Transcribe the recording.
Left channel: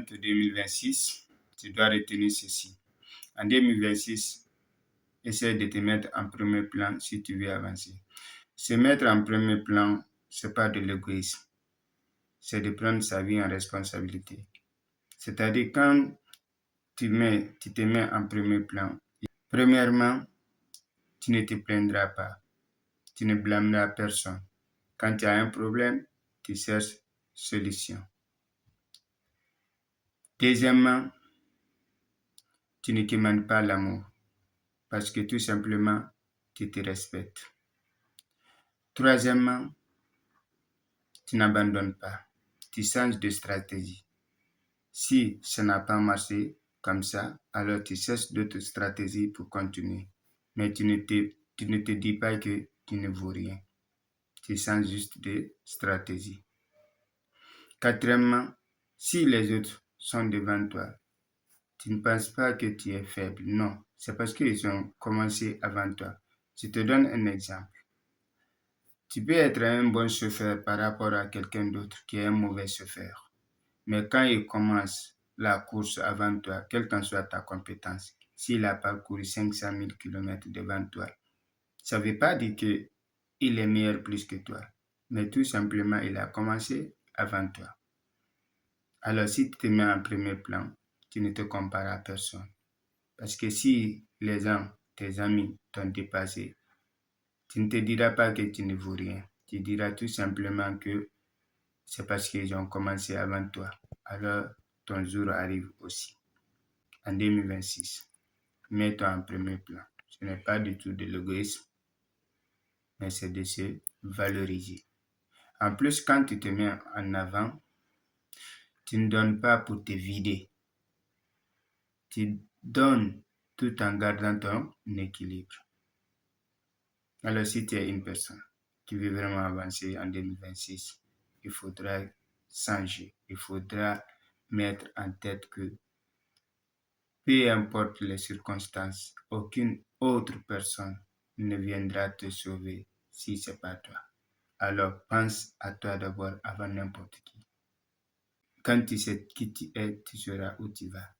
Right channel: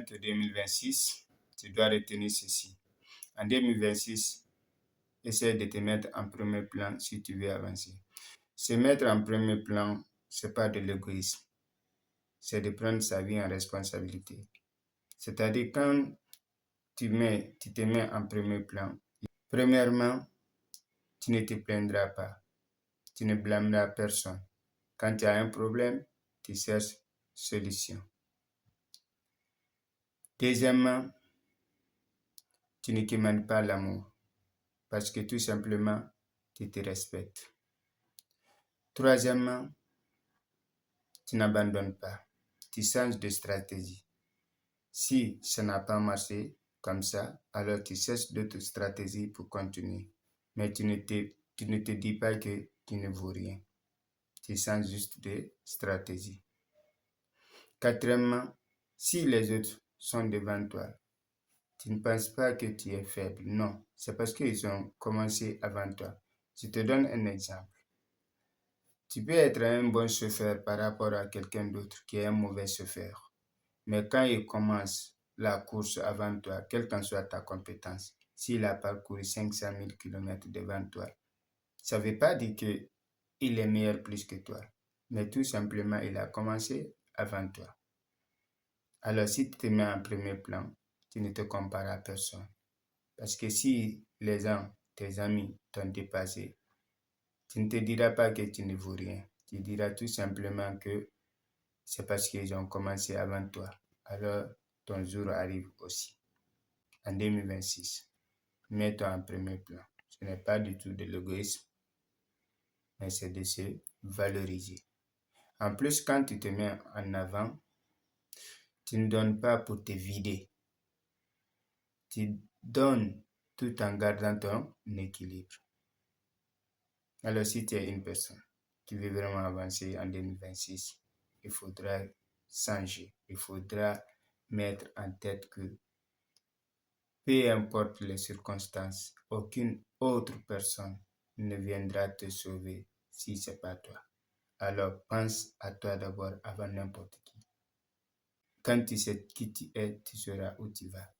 orientes 2026, tu dois retenir ceci. En 2026, essaie de te mettre en premier plan si tu veux avancer. Se mettre en premier plan, ce n'est pas de l'égoïsme. C'est de prendre sa vie en responsabilité. C'est-à-dire, quand tu te mets en premier plan, premièrement, tu ne te plaindras pas. Tu ne blâmeras personne. Quand tu as un problème, tu cherches solution. Deuxièmement, tu ne demandes pas l'amour parce que tout simplement, tu te respectes. Troisièmement, tu n'abandonnes pas. Tu changes de stratégie. Si ça n'a pas marché comme ça, alors tu cherches d'autres stratégies pour continuer. Mais tu ne te dis pas que tu ne vaux rien. Tu changes juste de stratégie. Quatrièmement, si les autres sont devant toi, tu ne penses pas que tu es faible. Non, c'est parce qu'ils ont commencé avant toi. Je te donne un exemple. Tu peux être un bon chauffeur par rapport à quelqu'un d'autre qui est un mauvais chauffeur. Mais quand il commence la course avant toi, quelle qu'en soit ta compétence, s'il a parcouru 500 000 km devant toi, ça ne veut pas dire qu'il est meilleur plus que toi, mais tout simplement, il a commencé avant toi. Alors, si tu te mets en premier plan, tu ne te compares à personne. Parce que si les gens, tes amis, t'ont dépassé, tu ne te diras pas que tu ne vaux rien. Tu diras tout simplement que c'est parce qu'ils ont commencé avant toi. Alors, ton jour arrive aussi. En 2026, mets-toi en premier plan. Ce n'est pas du tout de l'égoïsme, mais c'est de se valoriser. En plus, quand tu te mets en avant, tu ne donnes pas pour te vider. Tu donnes tout en gardant ton équilibre. Alors, si tu es une personne qui veut vraiment avancer en 2026, il faudra changer. Il faudra mettre en tête que peu importe les circonstances, aucune autre personne ne viendra te sauver si ce n'est pas toi. Alors, pense à toi d'abord avant n'importe qui. Quand tu sais qui tu es, tu sauras où tu vas.